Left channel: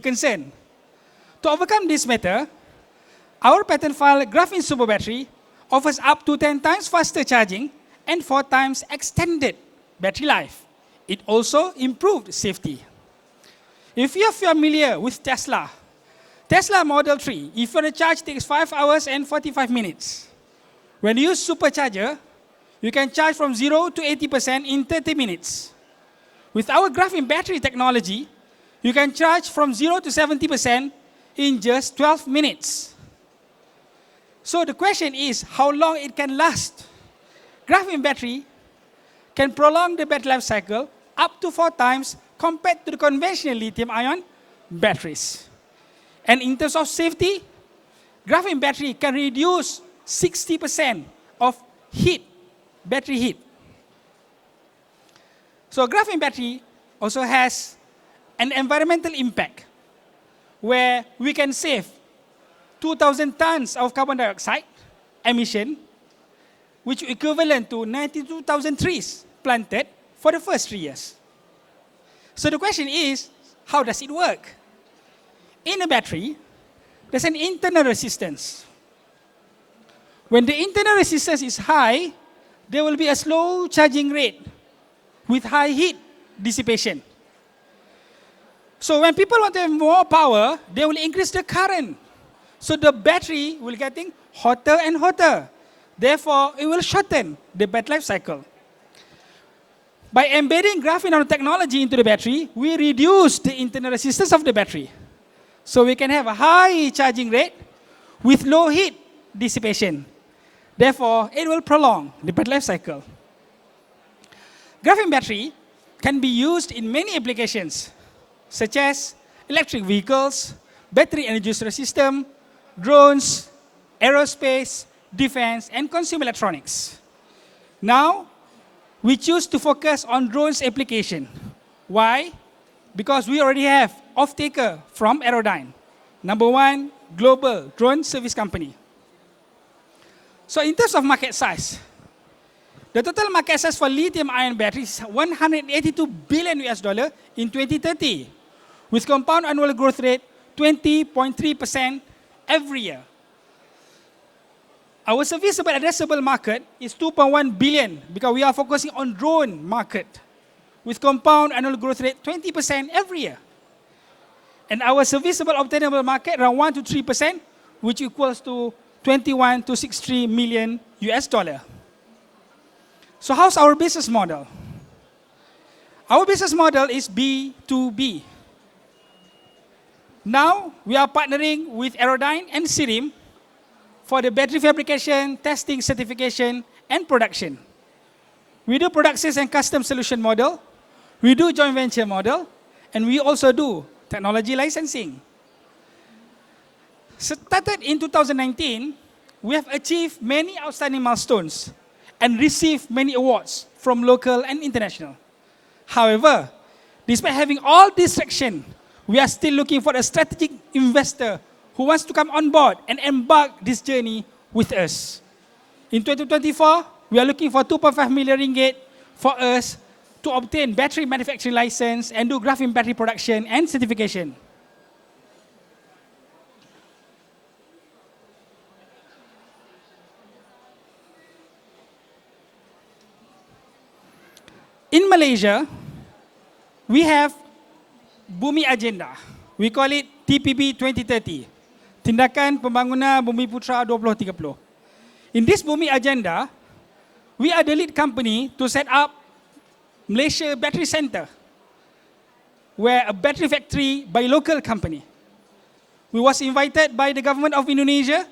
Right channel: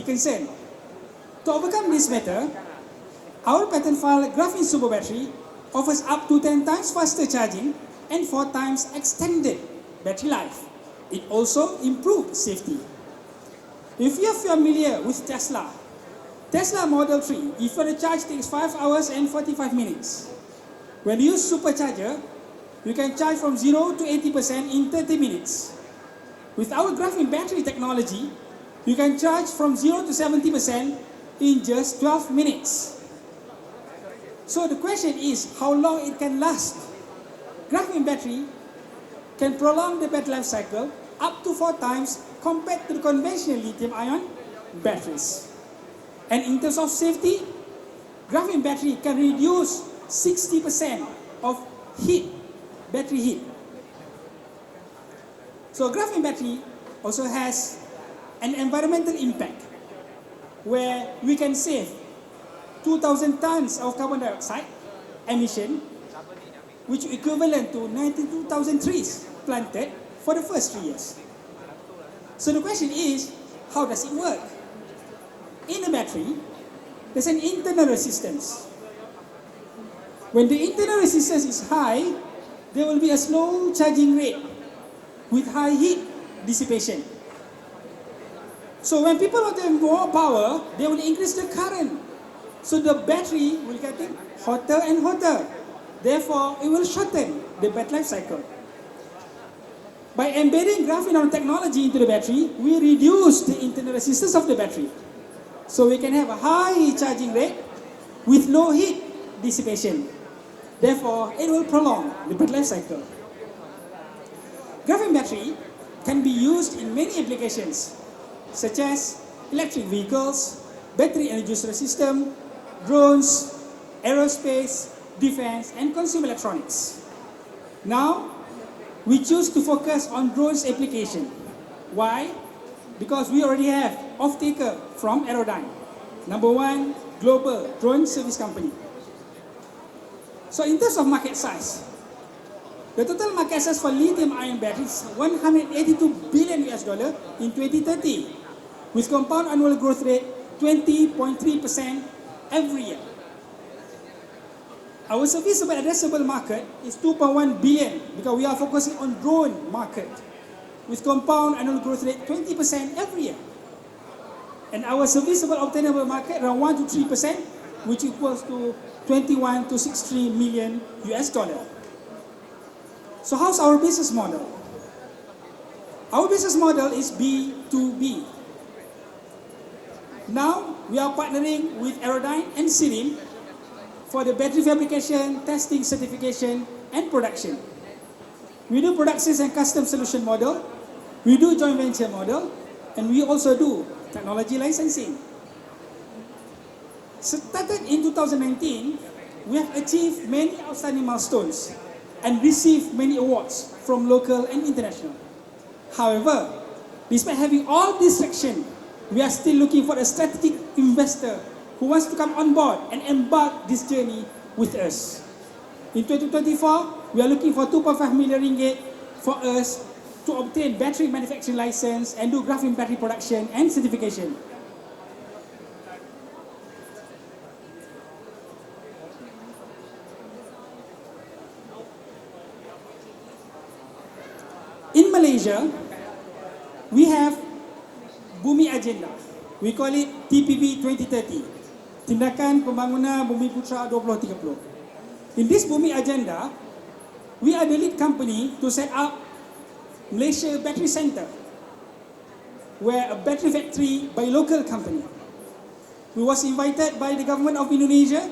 concern. To overcome this matter, our patent file graphene super battery offers up to 10 times faster charging and 4 times extended battery life. It also improved safety. If you're familiar with Tesla Model 3, if your charge takes 5 hours and 45 minutes. When you use supercharger, you can charge from 0 to 80% in 30 minutes. With our graphene battery technology, you can charge from 0 to 70% in just 12 minutes. So the question is how long it can last. Graphene battery can prolong the battery life cycle up to 4 times compared to the conventional lithium-ion batteries. And in terms of safety, graphene battery can reduce 60% of battery heat. So graphene battery also has an environmental impact where we can save 2,000 tons of carbon dioxide emission, which is equivalent to 92,000 trees planted for the first 3 years. So the question is, how does it work? In a battery, there's an internal resistance. When the internal resistance is high, there will be a slow charging rate with high heat dissipation. So when people want to have more power, they will increase the current. So the battery will get hotter and hotter. Therefore, it will shorten the battery life cycle. By embedding graphene nanotechnology into the battery, we reduce the internal resistance of the battery. So we can have a high charging rate with low heat dissipation. Therefore, it will prolong the battery life cycle. Graphene battery can be used in many applications, such as electric vehicles, battery energy storage system, drones, aerospace, defense, and consumer electronics. Now, we choose to focus on drones application. Why? Because we already have off-taker from Aerodyne, #1 global drone service company. So in terms of market size, the total market size for lithium-ion batteries is $182 billion in 2030, with compound annual growth rate 20.3% every year. Our serviceable addressable market is 2.1 billion because we are focusing on drone market with compound annual growth rate 20% every year. And our serviceable obtainable market around 1 to 3%, which equals to 21 to 63 million US dollar. So how's our business model? Our business model is B2B. Now we are partnering with Aerodyne and Sirim for the battery fabrication, testing, certification, and production. We do product sales and custom solution model. We do joint venture model, and we also do technology licensing. Started in 2019, we have achieved many outstanding milestones and received many awards from local and international. However, despite having all this traction, we are still looking for a strategic investor who wants to come on board and embark this journey with us. In 2024, we are looking for 2.5 million ringgit for us to obtain battery manufacturing license and do graphene battery production and certification. In Malaysia, we have Bumi Agenda. We call it TPP 2030. Tindakan Pembangunan Bumi Putra 2030. In this Bumi Agenda, we are the lead company to set up Malaysia Battery Center, where a battery factory by local company. We was invited by the government of Indonesia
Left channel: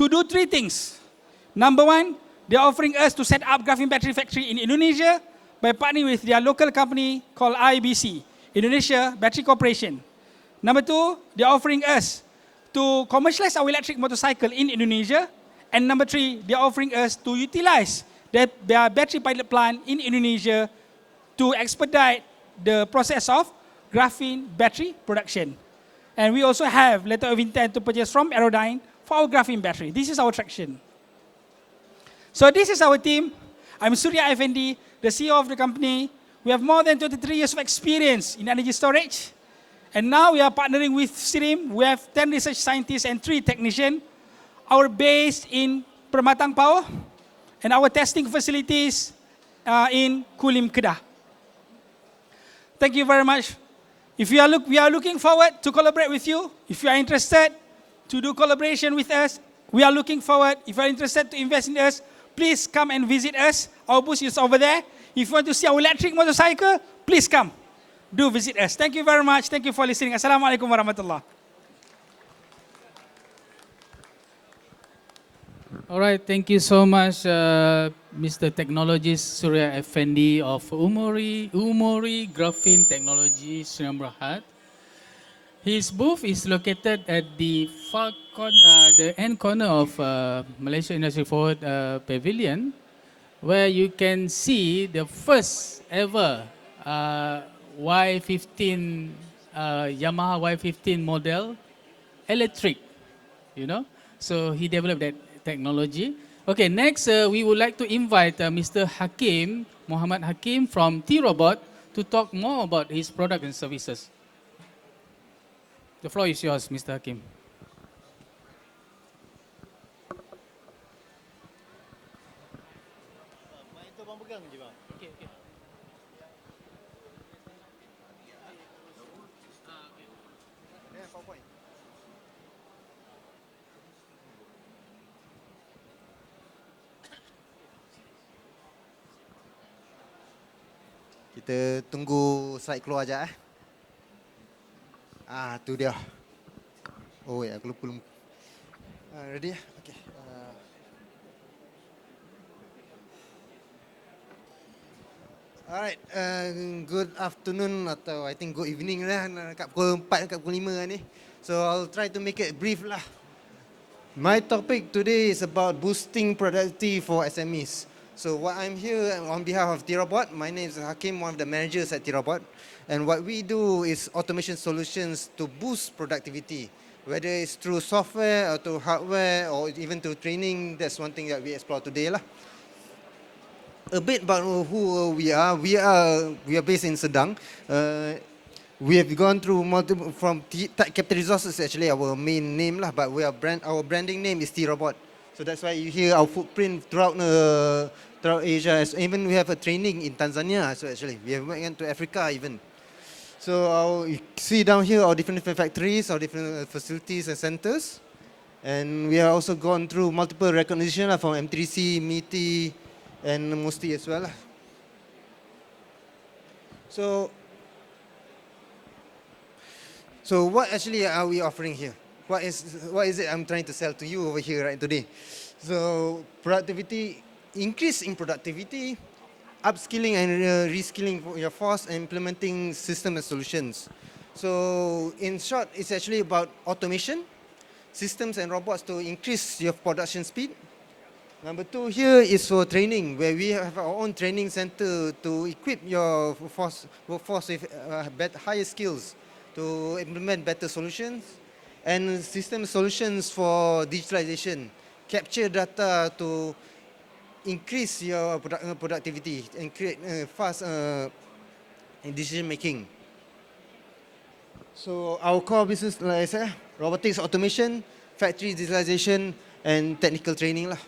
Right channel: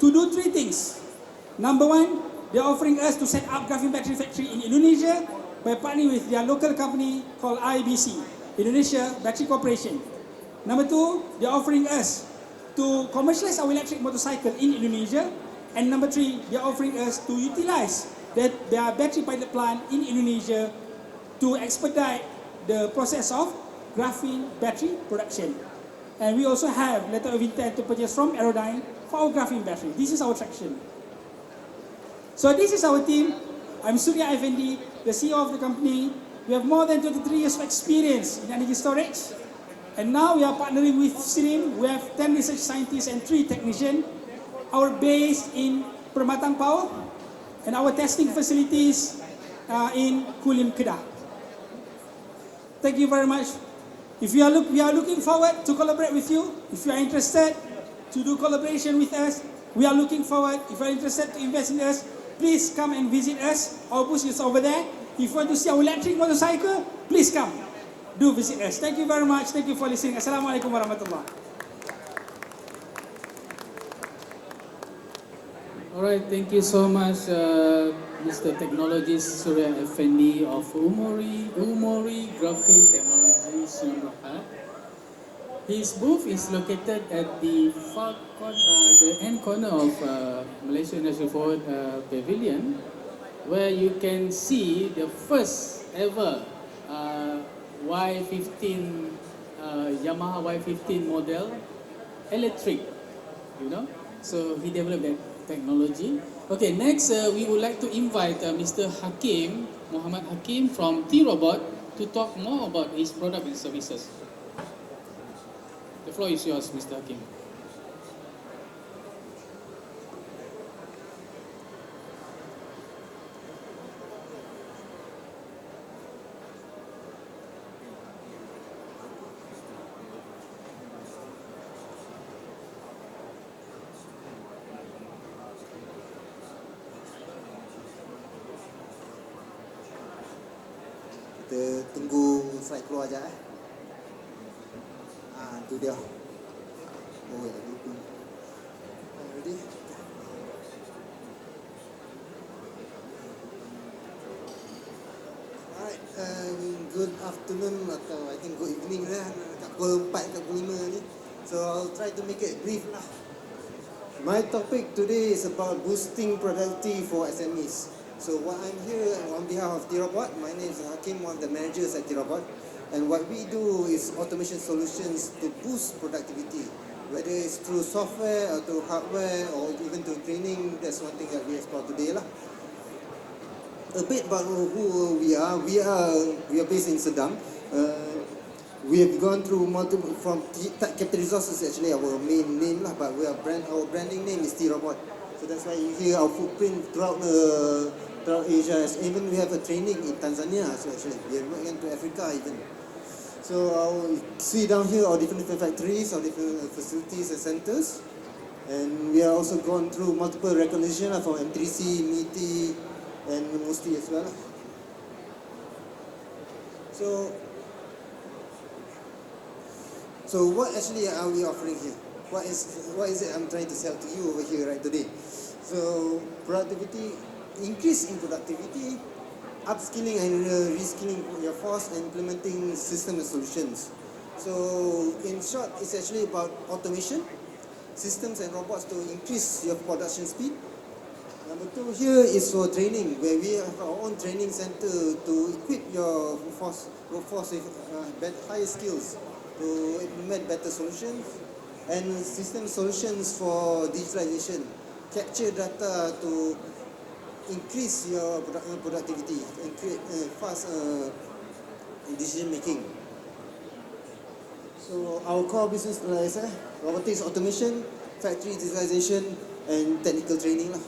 to do 3 things. #1, they are offering us to set up graphene battery factory in Indonesia by partnering with their local company called IBC, Indonesia Battery Corporation. #2, they are offering us to commercialize our electric motorcycle in Indonesia. And #3, they are offering us to utilize their battery pilot plant in Indonesia to expedite the process of graphene battery production. And we also have letter of intent to purchase from Aerodyne for our graphene battery. This is our traction. So this is our team. I'm Surya Effendi, the CEO of the company. We have more than 23 years of experience in energy storage. And now we are partnering with Stream. We have 10 research scientists and 3 technicians. Our base in Permatang Power and our testing facilities in Kulim Kedah. Thank you very much. If we are looking forward to collaborate with you. If you are interested to do collaboration with us, we are looking forward. If you are interested to invest in us, please come and visit us. Our booth is over there. If you want to see our electric motorcycle, please come. Do visit us. Thank you very much. Thank you for listening. Assalamualaikum warahmatullah. Alright, thank you so much, Mr. Technologist Surya Effendi of Umuri Graphene Technology, Sdn Bhd. His booth is located at the the end corner of Malaysia Industry Forward Pavilion, where you can see the first ever Y15 Yamaha Y15 model electric, you know. So he developed that technology. Okay, next we would like to invite Mr. Hakim, Muhammad Hakim from T-Robot to talk more about his product and services. The floor is yours, Mr. Hakim. Kita tunggu slide keluar je tu dia. Oh ya, aku lupa. Ready? Alright, good afternoon atau I think good evening lah kat pukul 4 kat pukul 5 ni. So I'll try to make it brief lah. My topic today is about boosting productivity for SMEs. So what I'm here on behalf of T-Robot. My name is Hakim, one of the managers at T-Robot. And what we do is automation solutions to boost productivity. Whether it's through software or through hardware or even through training, that's one thing that we explore today lah. A bit about who we are. We are based in Sedang. We have gone through multiple, from Capital Resources actually our main name lah, but our branding name is T-Robot. So that's why you hear our footprint throughout Asia. Even we have a training in Tanzania. So actually, we have went to Africa even. So you see down here our different factories, our different facilities and centers, and we have also gone through multiple recognition from M3C, MTE, and Musti as well. So what actually are we offering here? What is it I'm trying to sell to you over here right today? So productivity, increase in productivity, upskilling and reskilling your force, and implementing system and solutions. So in short, it's actually about automation, systems and robots to increase your production speed. Number 2 here is for training, where we have our own training center to equip your workforce with higher skills to implement better solutions, and system solutions for digitalization, capture data to increase your productivity and create fast decision making. So our core business, like I said, robotics, automation, factory digitalization, and technical training lah.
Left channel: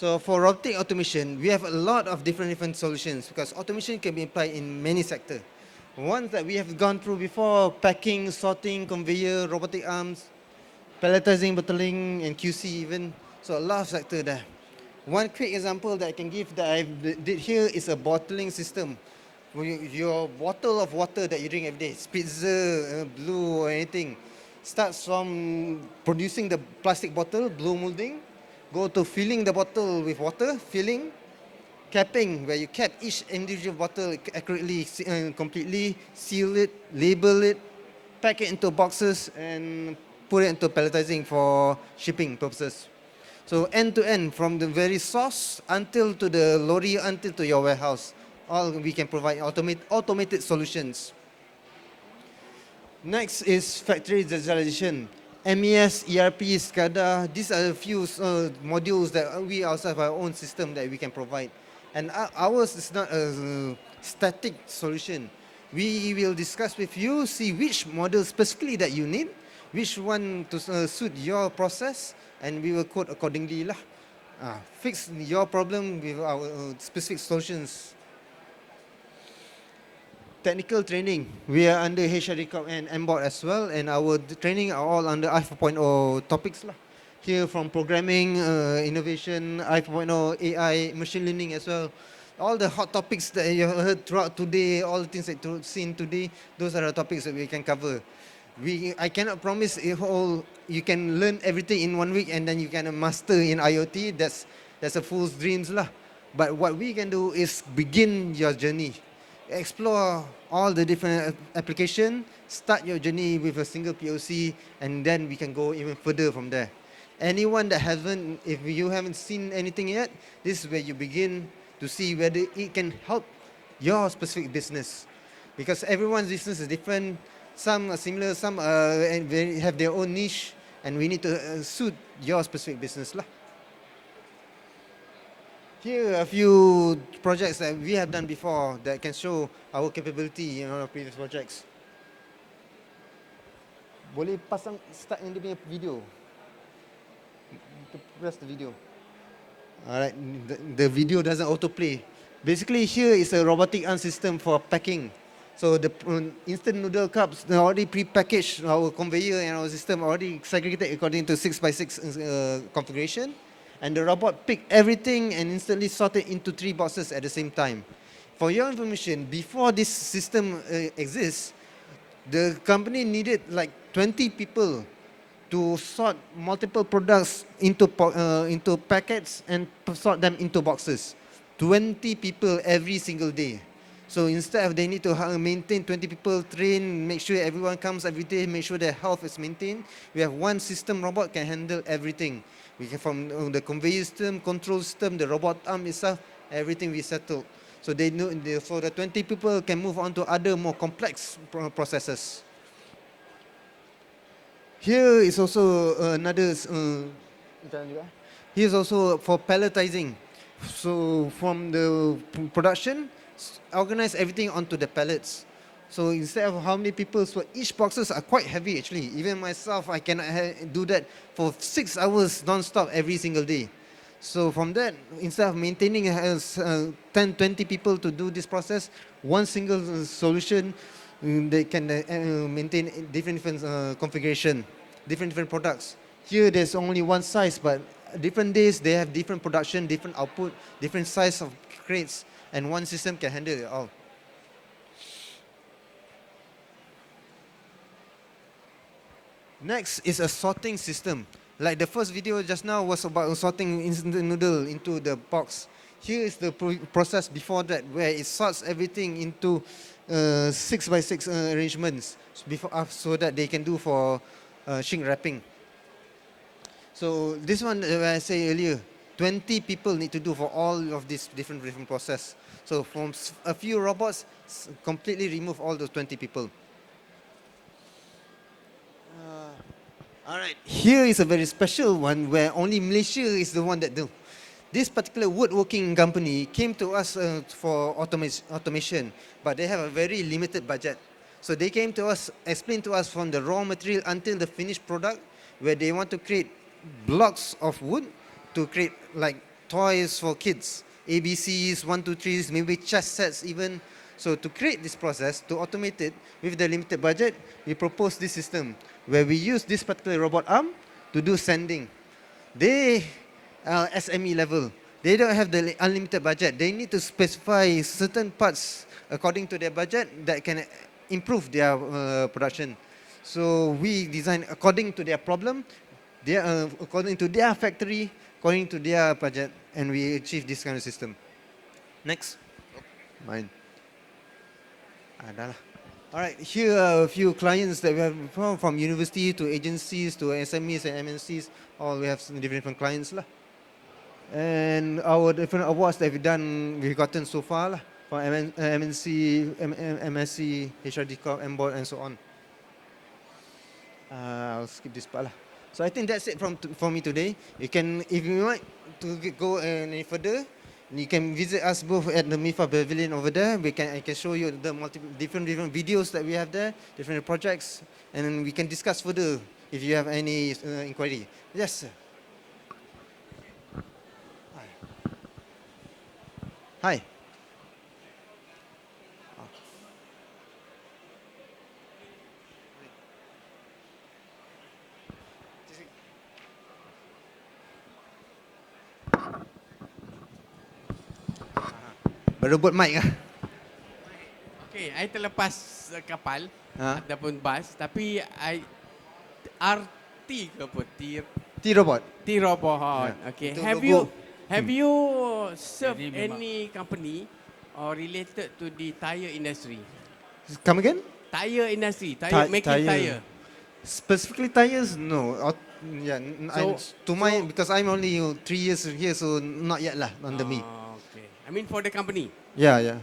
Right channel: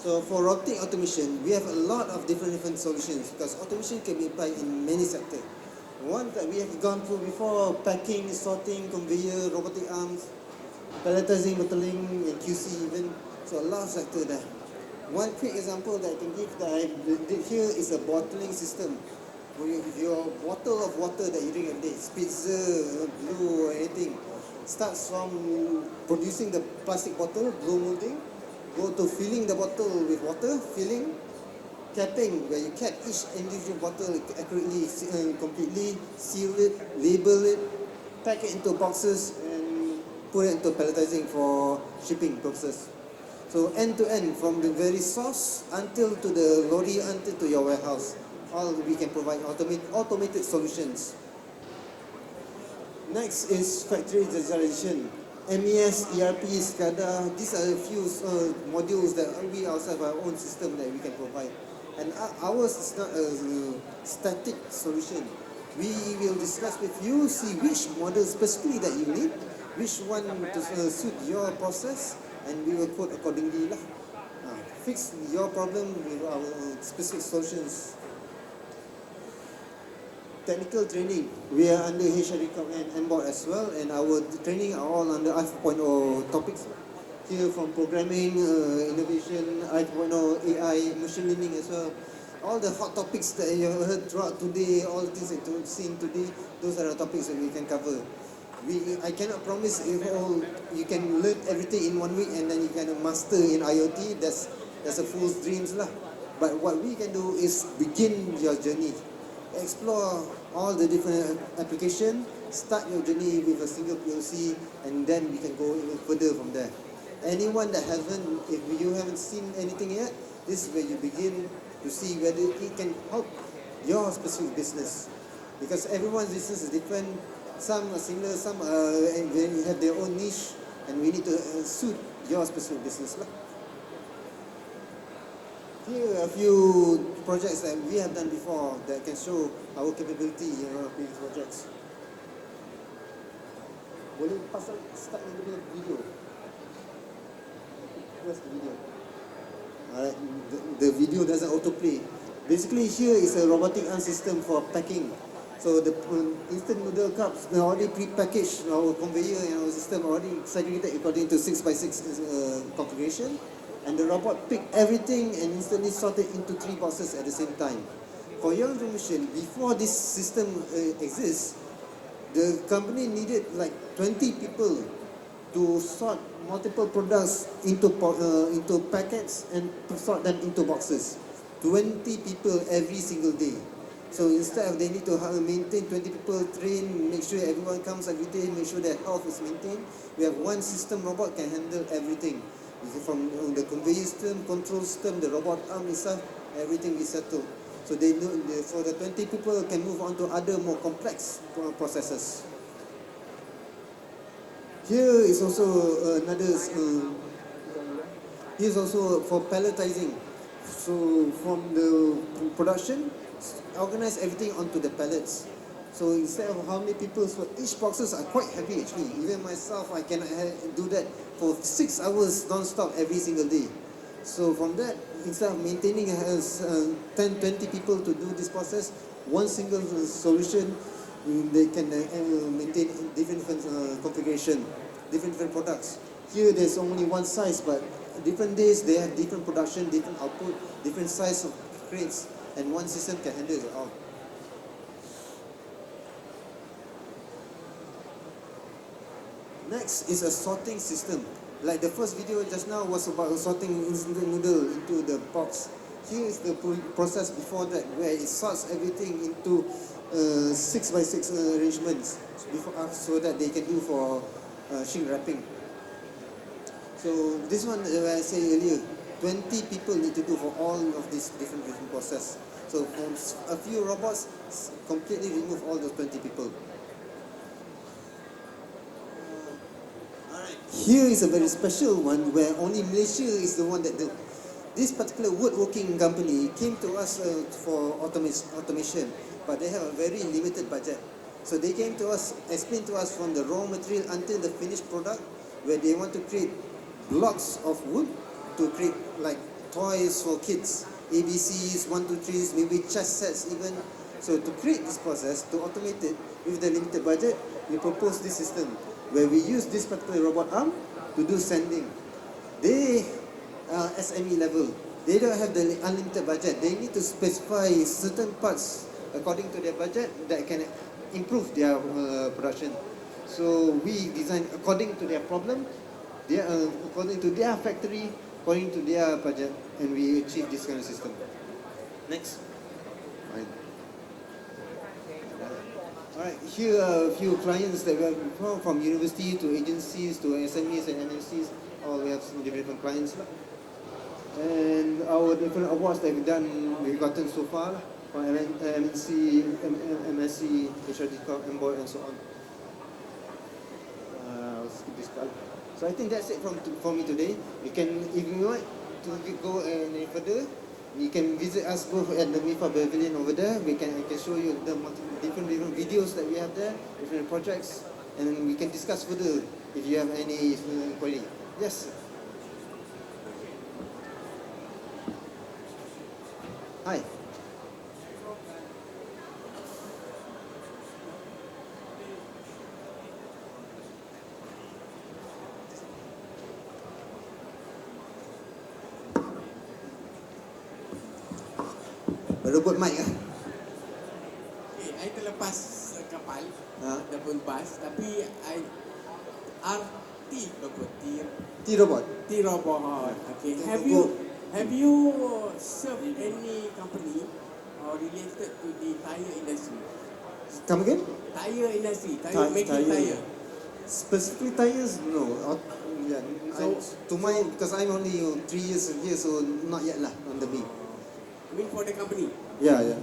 So for robotic automation, we have a lot of different solutions because automation can be applied in many sectors. One that we have gone through before: packing, sorting, conveyor, robotic arms, palletizing, bottling, and QC even. So a lot of sector there. One quick example that I can give that I did here is a bottling system. Your bottle of water that you drink every day, Spitzer, Blue, or anything, starts from producing the plastic bottle, blue molding, go to filling the bottle with water, filling, capping, where you cap each individual bottle accurately and completely, seal it, label it, pack it into boxes, and put it into palletizing for shipping purposes. So end to end, from the very source until to the lorry, until to your warehouse, all we can provide automated solutions. Next is factory digitalization. MES, ERP, SCADA, these are a few modules that we also have our own system that we can provide. And ours is not a static solution. We will discuss with you, see which model specifically that you need, which one to suit your process, and we will code accordingly lah. Fix your problem with our specific solutions. Technical training, we are under HRCOP and MBOT as well, and our training are all under I4.0 topics lah. Here from programming, innovation, I4.0, AI, machine learning as well. All the hot topics that you heard throughout today, all the things that you've seen today, those are the topics that we can cover. I cannot promise you can learn everything in 1 week and then you can master in IoT. That's a fool's dreams lah. But what we can do is begin your journey. Explore all the different applications, start your journey with a single POC, and then we can go even further from there. Anyone that if you haven't seen anything yet, this is where you begin to see whether it can help your specific business. Because everyone's business is different. Some are similar, some they have their own niche, and we need to suit your specific business lah. Here are a few projects that we have done before that can show our capability in our previous projects. Boleh pasang start yang dia punya video. Press the video. Alright, the video doesn't autoplay. Basically here is a robotic arm system for packing. So the instant noodle cups, they already pre-packaged. Our conveyor and our system already segregated according to 6x6 configuration. And the robot picked everything and instantly sorted into 3 boxes at the same time. For your information, before this system exists, the company needed like 20 people to sort multiple products into packets and sort them into boxes. 20 people every single day. So instead of they need to maintain 20 people, train, make sure everyone comes every day, make sure their health is maintained, we have one system robot can handle everything. We can from the conveyor system, control system, the robot arm itself, everything we settle. So they know, so the 20 people can move on to other more complex processes. Here is also another. Here is also for palletizing. So from the production, organize everything onto the pallets. So instead of how many people, so each boxes are quite heavy actually. Even myself, I cannot do that for 6 hours non-stop every single day. So from that, instead of maintaining 10, 20 people to do this process, one single solution, they can maintain different configuration, different products. Here there's only one size, but different days they have different production, different output, different size of crates, and one system can handle it all. Next is a sorting system. Like the first video just now was about sorting instant noodle into the box. Here is the process before that, where it sorts everything into 6x6 arrangements so that they can do for shrink wrapping. So this one, I say earlier, 20 people need to do for all of these different process. So from a few robots, completely remove all those 20 people. Alright, here is a very special one where only Malaysia is the one that do. This particular woodworking company came to us for automation, but they have a very limited budget. So they came to us, explained to us from the raw material until the finished product, where they want to create blocks of wood to create like toys for kids, ABCs, 1, 2, 3s, maybe chess sets even. So to create this process, to automate it with the limited budget, we propose this system where we use this particular robot arm to do sanding. They are SME level. They don't have the unlimited budget. They need to specify certain parts according to their budget that can improve their production. So we design according to their problem, according to their factory, according to their budget, and we achieve this kind of system. Next. Mine. Alright, here are a few clients that we have from university to agencies to SMEs and MNCs. All we have different clients lah. And our different awards that we've gotten so far lah, for MNC, MSc, HRD, MBOT, and so on. I'll skip this part. So I think that's it for me today. You can, if you want to go any further, You can visit us both at the MIFA Pavilion over there. I can show you the different videos that we have there, different projects, and we can discuss further if you have any inquiry. Yes, sir. Hi. Berebut mic ah. Okay, I terlepas kapal Ha? ataupun bas, tapi I RT ke apa? T-Robot. T-Robot. Okay, Itu have logo. you served Jadi memang- any company or related to the tire industry? Come again? Tire industry, Tire. making tire. Specifically tires, no. Yeah, to my because I'm only 3 years here, so not yet lah under me. Okay. I mean for the company. Yeah.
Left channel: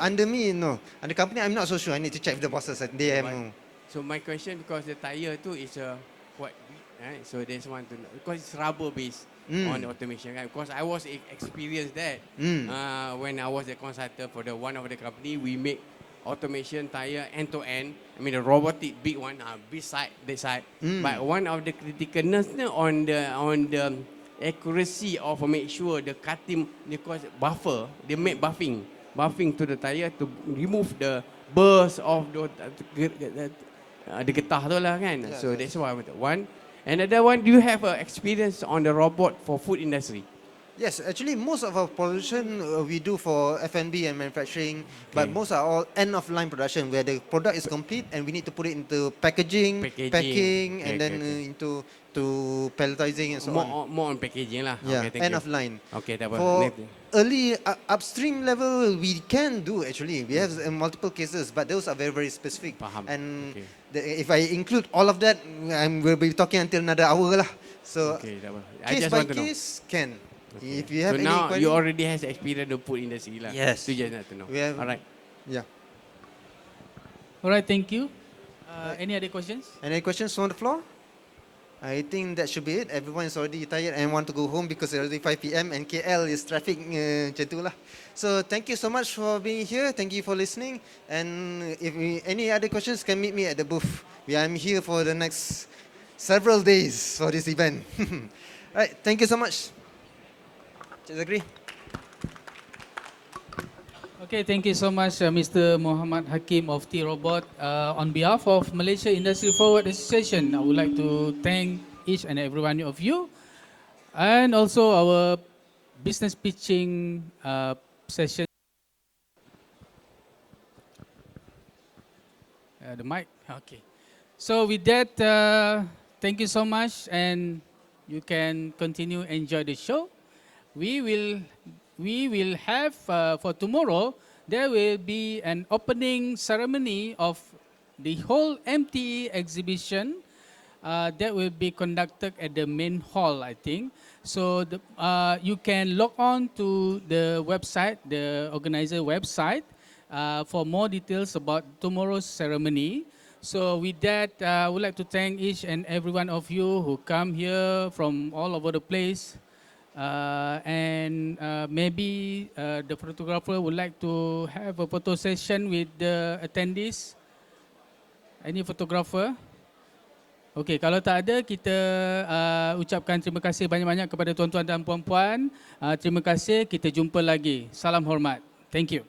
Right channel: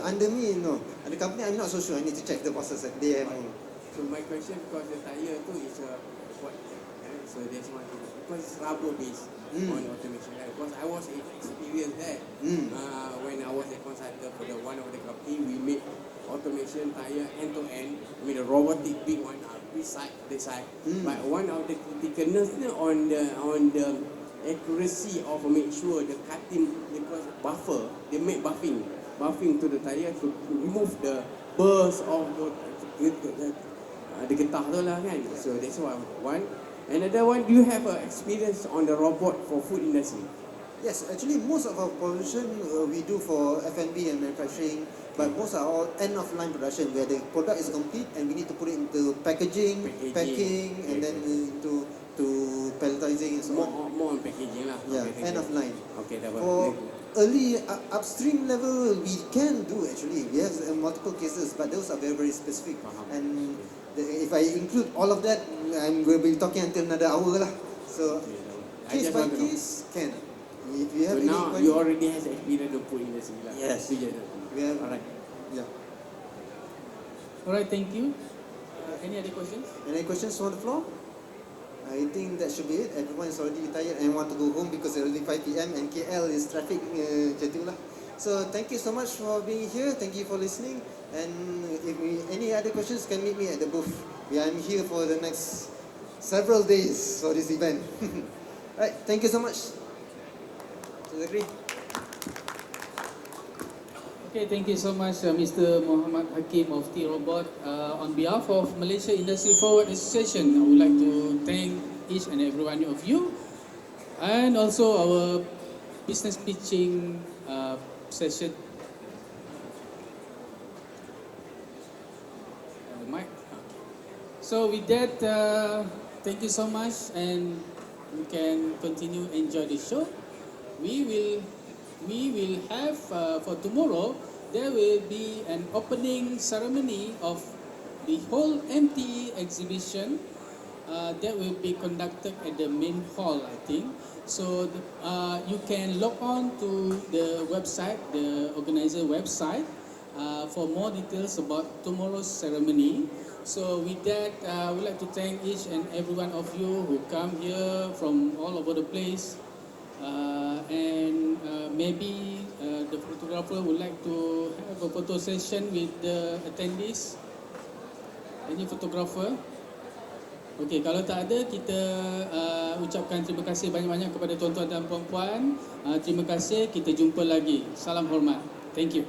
Under me, no. Under company, I'm not so sure. I need to check the bosses. They have. So my question, because the tire tu is what, right? So there's one thing because it's rubber based on the automation. Right? Because I was experienced that when I was a consultant for one of the company, we make automation tire end to end. I mean the robotic big one beside the side. But one of the criticalness on the accuracy of make sure the cutting because buffer they make buffing to the tire to remove the burst of the getah tu lah kan. So that's one. Another one, do you have experience on the robot for food industry? Yes, actually, most of our production we do for F&B and manufacturing, but most are all end of line production where the product is complete and we need to put it into packaging. Packing, and then into palletizing and so on. More on packaging lah. Yeah, Okay, thank end you. of line. Okay, that For was early upstream level, we can do actually. We have multiple cases, but those are very, very specific. Faham. And Okay. if I include all of that, we'll be talking until another hour lah. So Okay, that was. I case just by want to know. case can. If you have So any now inquiry, you already has experience of food industry lah. Yes. Tu je nak to know. We have- Alright. yeah. Alright, thank you. Any other questions? Any questions on the floor? I think that should be it. Everyone is already tired and want to go home because it's already 5 p.m. and KL is traffic macam tu lah. So thank you so much for being here. Thank you for listening. And if any other questions, can meet me at the booth. I'm here for the next several days for this event. Right, thank you so much. Zakry. Okay, thank you so much, Mr. Muhammad Hakim of T-Robot. On behalf of Malaysia Industry Forward Association, I would like to thank each and every one of you, and also our business pitching session. The mic, okay. So with that, thank you so much, and you can continue enjoy the show. We will have for tomorrow. There will be an opening ceremony of the whole MTE exhibition that will be conducted at the main hall, I think. So you can log on to the website, the organizer website, for more details about tomorrow's ceremony. So with that, I would like to thank each and every one of you who come here from all over the place. And maybe the photographer would like to have a photo session with the attendees. Any photographer? Okey, kalau tak ada, kita ucapkan terima kasih banyak-banyak kepada tuan-tuan dan puan-puan. Terima kasih, kita jumpa lagi. Salam hormat. Thank you.